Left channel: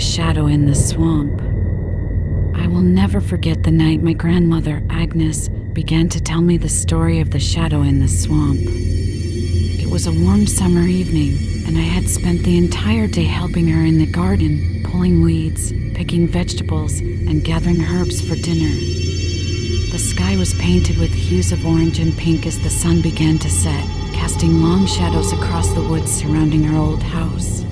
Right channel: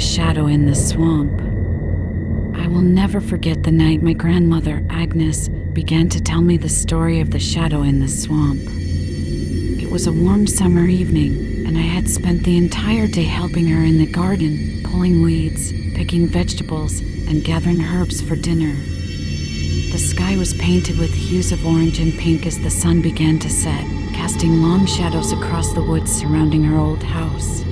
shadow in the swamp. I will never forget the night my grandmother, Agnes, began to tell me the story of the shadow in the swamp. It was a warm summer evening, and I had spent the entire day helping her in the garden, pulling weeds, picking vegetables, and gathering herbs for dinner. The sky was painted with hues of orange and pink as the sun began to set, casting long shadows across the woods surrounding her old house.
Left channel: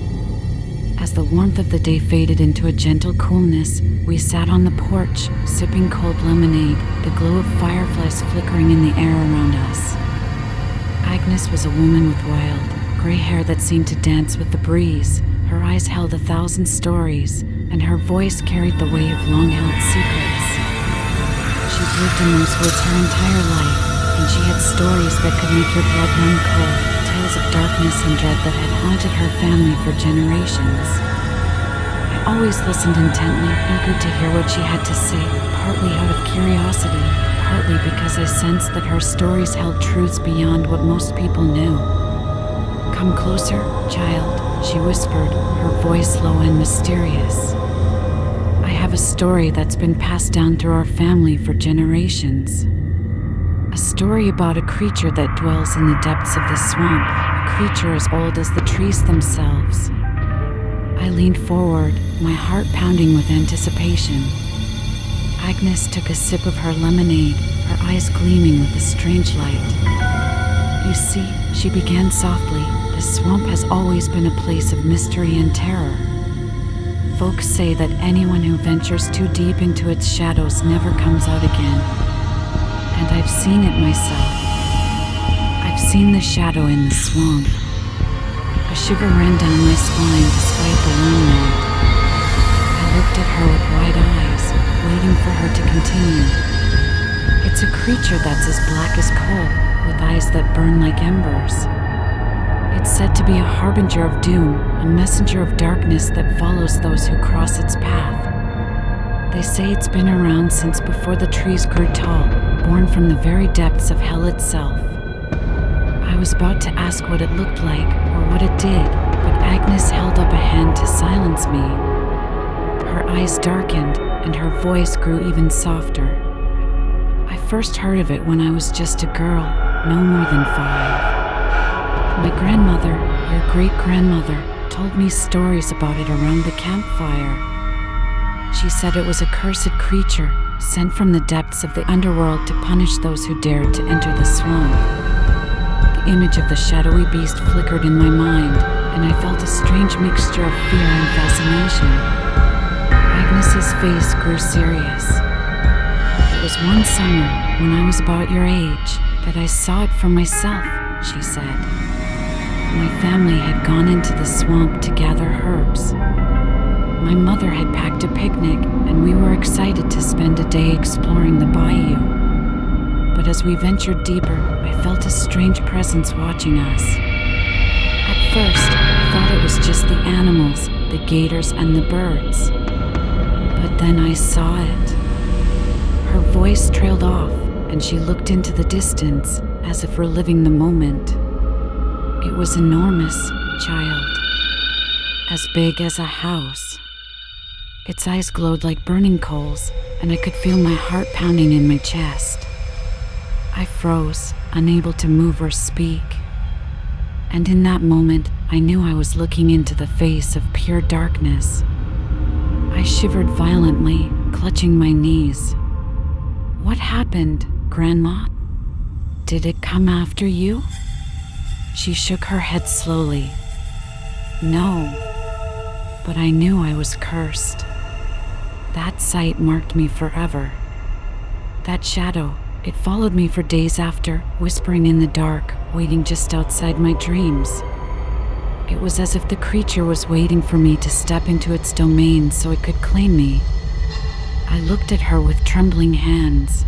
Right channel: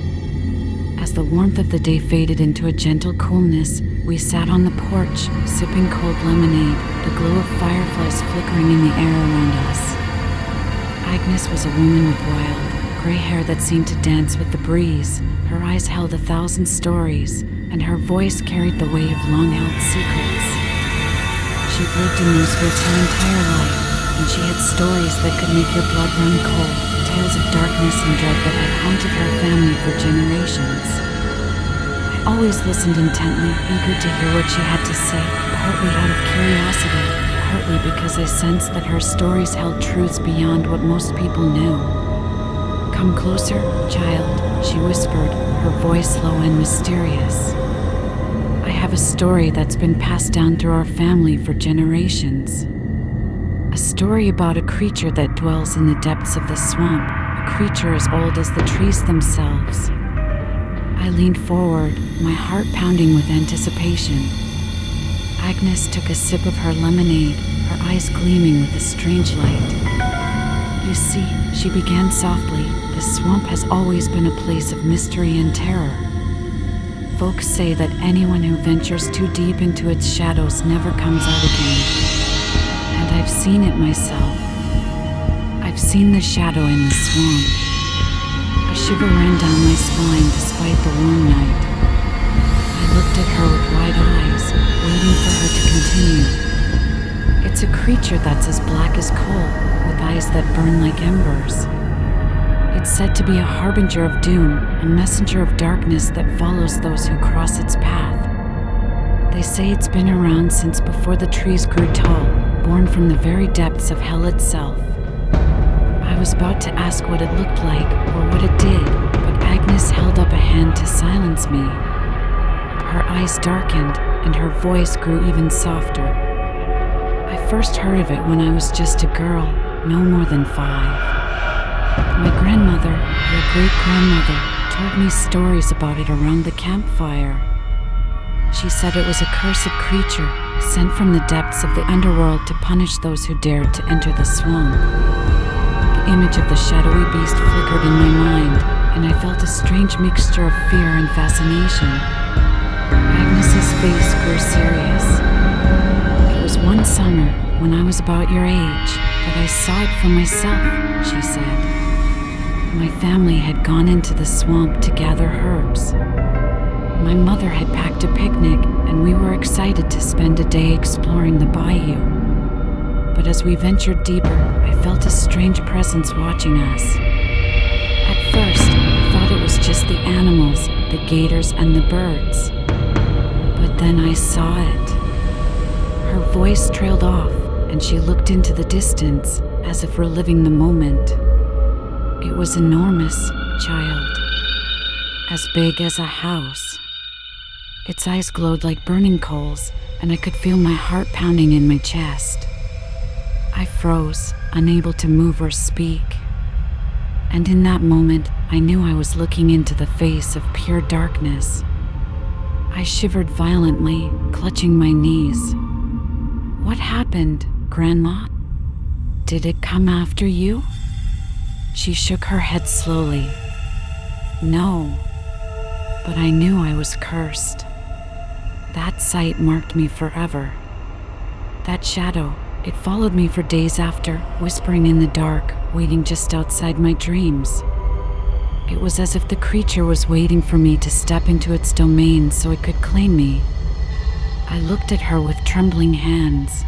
As the warmth of the day faded into a gentle coolness, we sat on the porch, sipping cold lemonade, the glow of fireflies flickering in the air around us. Agnes was a woman with wild, gray hair that seemed to dance with the breeze. Her eyes held 1,000 stories, and her voice carried the weight of long-held secrets. She'd lived in those woods her entire life, and she had stories that could make your blood run cold, tales of darkness and dread that had haunted her family for generations. I always listened intently, eager to hear what she had to say, partly out of curiosity, partly because I sensed that her stories held truths beyond what most people knew. "Come closer, child," she whispered, her voice low and mysterious. "I have a story that's been passed down through our family for generations. A story about a creature that dwells in the depths of the swamp, a creature as old as the trees themselves." I leaned forward, my heart pounding with anticipation. Agnes took a sip of her lemonade, her eyes gleaming with a strange light. "You see," she began softly, "the swamp has always been a place of mystery and terror. Folks say that anyone who ventures too deep into its shadows never comes out again. And I've seen it myself. I've seen the shadow in the swamp." A shiver ran down my spine despite the warm night. I looked at her with wide eyes, waiting for her to continue. "It's a creature that's as black as coal, with eyes that burn like embers. It's said to be a harbinger of doom, a messenger of darkness that follows those who cross its path. They say it's been around since before the trees grew tall, born from the very depths of hell itself." I was about to ask what it looked like or what it did, but Agnes held up a hand to silence me. Her eyes darkened, and her voice grew even softer. "I first heard of it when I was just a girl, no more than 5. My grandmother, your great-grandmother, told me stories about it around the campfire. She said it was a cursed creature, sent from the depths of the underworld to punish those who dared to enter the swamp." The image of the shadowy beast flickered in my mind, and I felt a strange mixture of fear and fascination. Agnes's face grew serious. "It was one summer, when I was about your age, that I saw it for myself," she said. "My family had gone into the swamp to gather herbs. My mother had packed a picnic, and we were excited to spend a day exploring the bayou. But as we ventured deeper, I felt a strange presence watching us. At first, I thought it was just the animals, the gators and the birds. But then I saw it." Her voice trailed off, and she looked into the distance, as if reliving the moment. "It was enormous, child. As big as a house. Its eyes glowed like burning coals, and I could feel my heart pounding in my chest. I froze, unable to move or speak. And in that moment, I knew I was looking into the face of pure darkness. I shivered violently, clutching my knees. "What happened, Grandma? Did it come after you?" She shook her head slowly. "No, but I knew I was cursed. That sight marked me forever. That shadow, it followed me for days after, whispering in the dark, waiting just outside my dreams. It was as if the creature was waiting for me to step into its domain so it could claim me." I looked at her with trembling hands.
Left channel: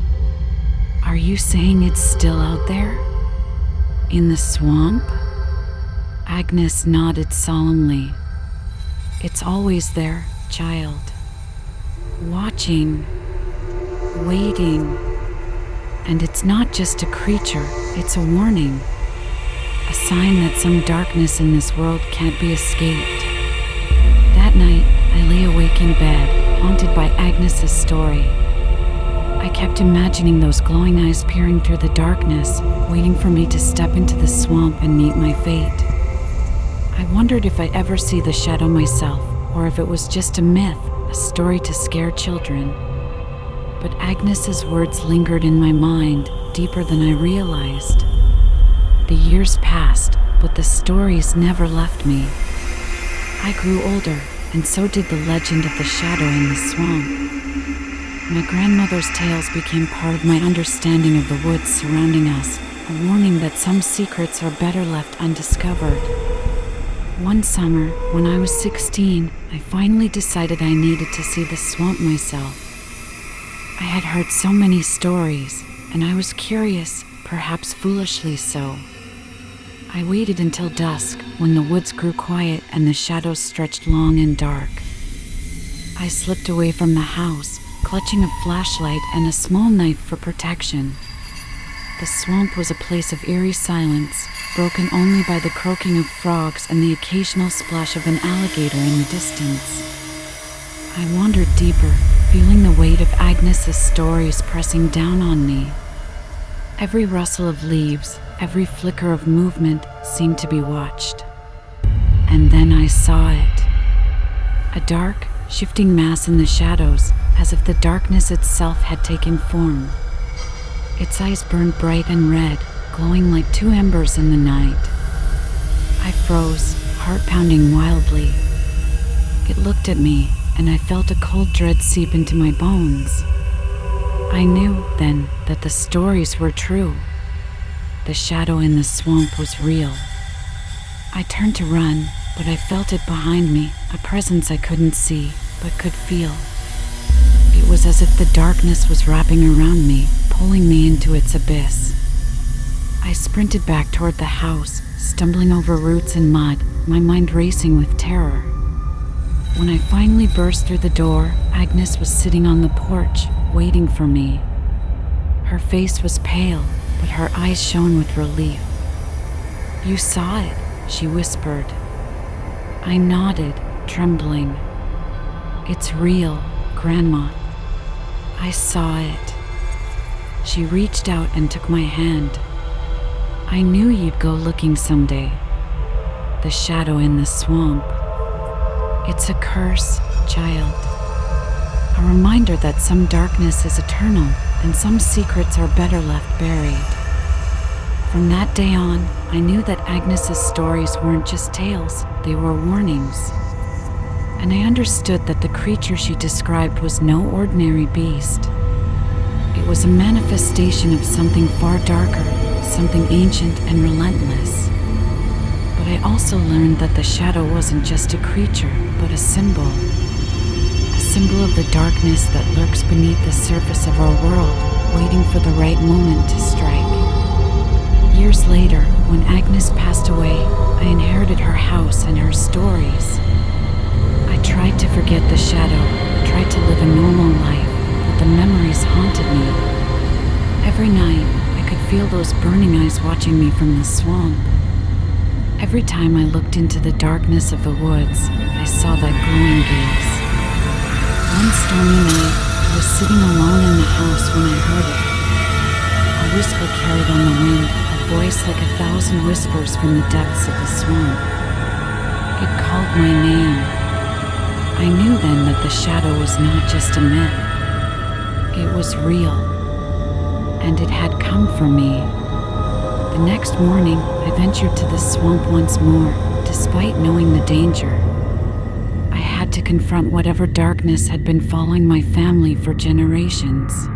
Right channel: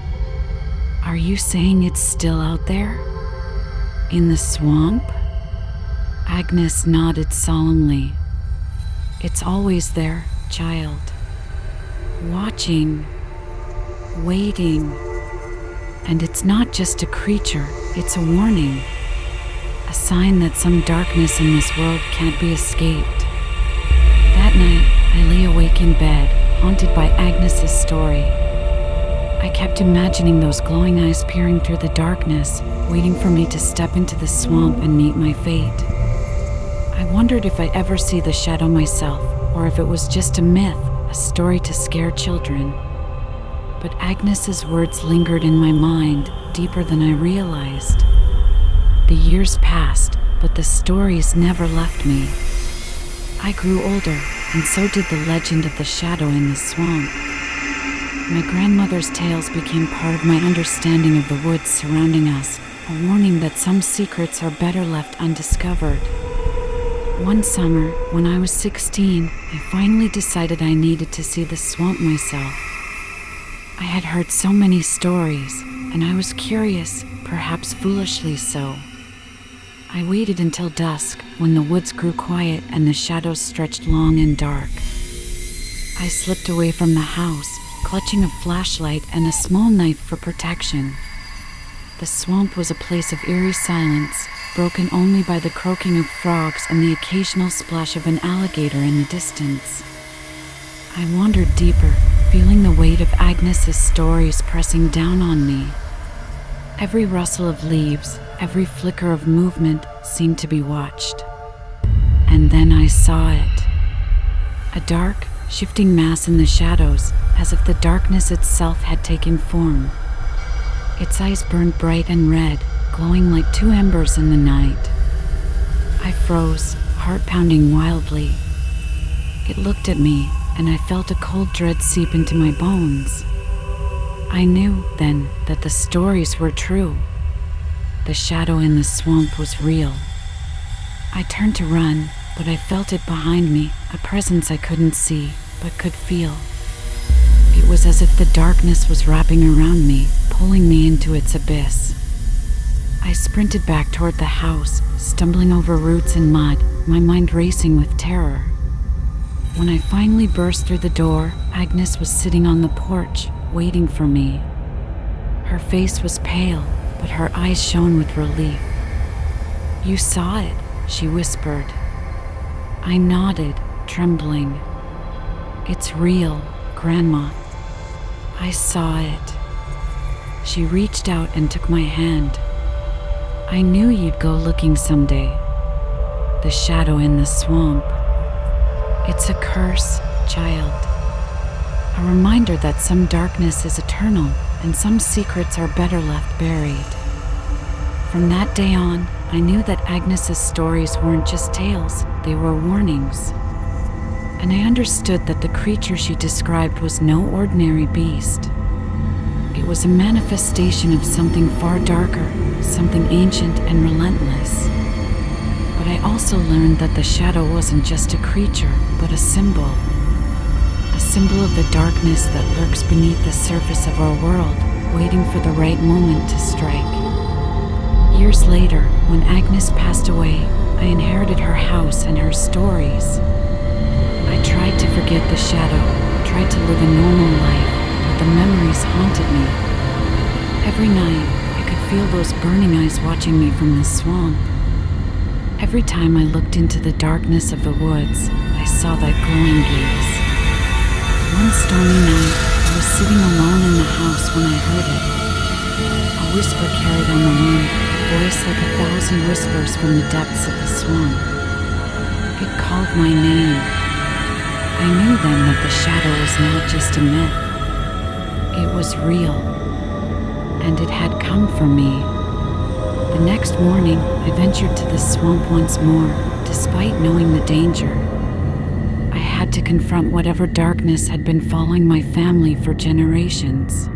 "Are you saying it's still out there? In the swamp?" Agnes nodded solemnly. "It's always there, child. Watching. Waiting. And it's not just a creature, it's a warning. A sign that some darkness in this world can't be escaped. That night, I lay awake in bed, haunted by Agnes's story. I kept imagining those glowing eyes peering through the darkness, waiting for me to step into the swamp and meet my fate. I wondered if I'd ever see the shadow myself, or if it was just a myth, a story to scare children. But Agnes's words lingered in my mind, deeper than I realized. The years passed, but the stories never left me. I grew older, and so did the legend of the shadow in the swamp. My grandmother's tales became part of my understanding of the woods surrounding us, a warning that some secrets are better left undiscovered. One summer, when I was 16, I finally decided I needed to see the swamp myself. I had heard so many stories, and I was curious, perhaps foolishly so. I waited until dusk, when the woods grew quiet and the shadows stretched long and dark. I slipped away from the house, clutching a flashlight and a small knife for protection. The swamp was a place of eerie silence, broken only by the croaking of frogs and the occasional splash of an alligator in the distance. I wandered deeper, feeling the weight of Agnes's stories pressing down on me. Every rustle of leaves, every flicker of movement seemed to be watched. And then I saw it. A dark, shifting mass in the shadows, as if the darkness itself had taken form. Its eyes burned bright and red, glowing like two embers in the night. I froze, heart pounding wildly. It looked at me, and I felt a cold dread seep into my bones. I knew, then, that the stories were true. The shadow in the swamp was real. I turned to run, but I felt it behind me, a presence I couldn't see, but could feel. It was as if the darkness was wrapping around me, pulling me into its abyss. I sprinted back toward the house, stumbling over roots and mud, my mind racing with terror. When I finally burst through the door, Agnes was sitting on the porch, waiting for me. Her face was pale, but her eyes shone with relief. "You saw it," she whispered. I nodded, trembling. "It's real, Grandma. I saw it." She reached out and took my hand. "I knew you'd go looking someday. The shadow in the swamp. It's a curse, child. A reminder that some darkness is eternal and some secrets are better left buried." From that day on, I knew that Agnes's stories weren't just tales, they were warnings. And I understood that the creature she described was no ordinary beast. It was a manifestation of something far darker, something ancient and relentless. But I also learned that the shadow wasn't just a creature, but a symbol. A symbol of the darkness that lurks beneath the surface of our world, waiting for the right moment to strike. Years later, when Agnes passed away, I inherited her house and her stories. I tried to forget the shadow, tried to live a normal life, but the memories haunted me. Every night, I could feel those burning eyes watching me from the swamp. Every time I looked into the darkness of the woods, I saw that glowing gaze. One stormy night, I was sitting alone in the house when I heard it. A whisper carried on the wind, a voice like 1,000 whispers from the depths of the swamp. It called my name. I knew then that the shadow was not just a myth. It was real, and it had come for me. The next morning, I ventured to the swamp once more, despite knowing the danger. I had to confront whatever darkness had been following my family for generations.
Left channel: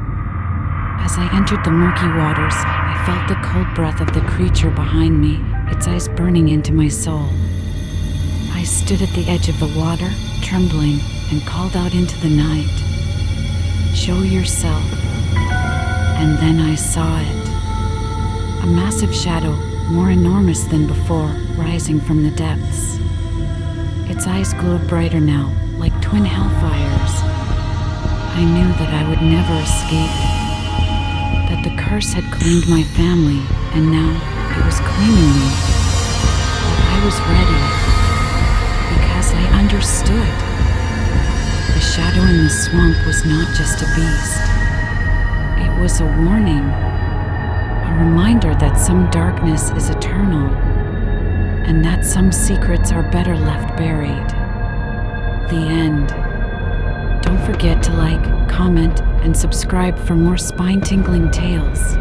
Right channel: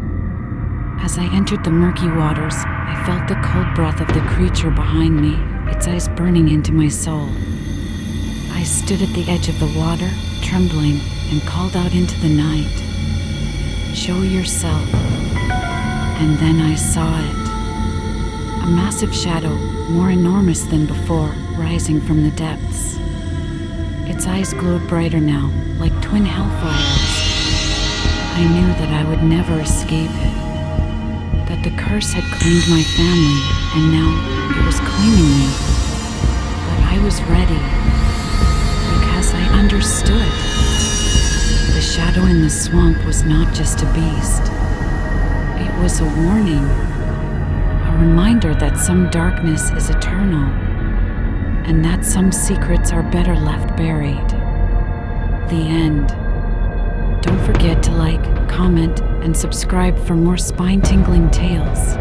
As I entered the murky waters, I felt the cold breath of the creature behind me, its eyes burning into my soul. I stood at the edge of the water, trembling, and called out into the night, "Show yourself." And then I saw it. A massive shadow, more enormous than before, rising from the depths. Its eyes glowed brighter now, like twin hellfires. I knew that I would never escape it, that the curse had claimed my family, and now it was claiming me. But I was ready, because I understood. shadow in the swamp was not just a beast. It was a warning, a reminder that some darkness is eternal, and that some secrets are better left buried. The end. Don't forget to like, comment, and subscribe for more spine-tingling tales.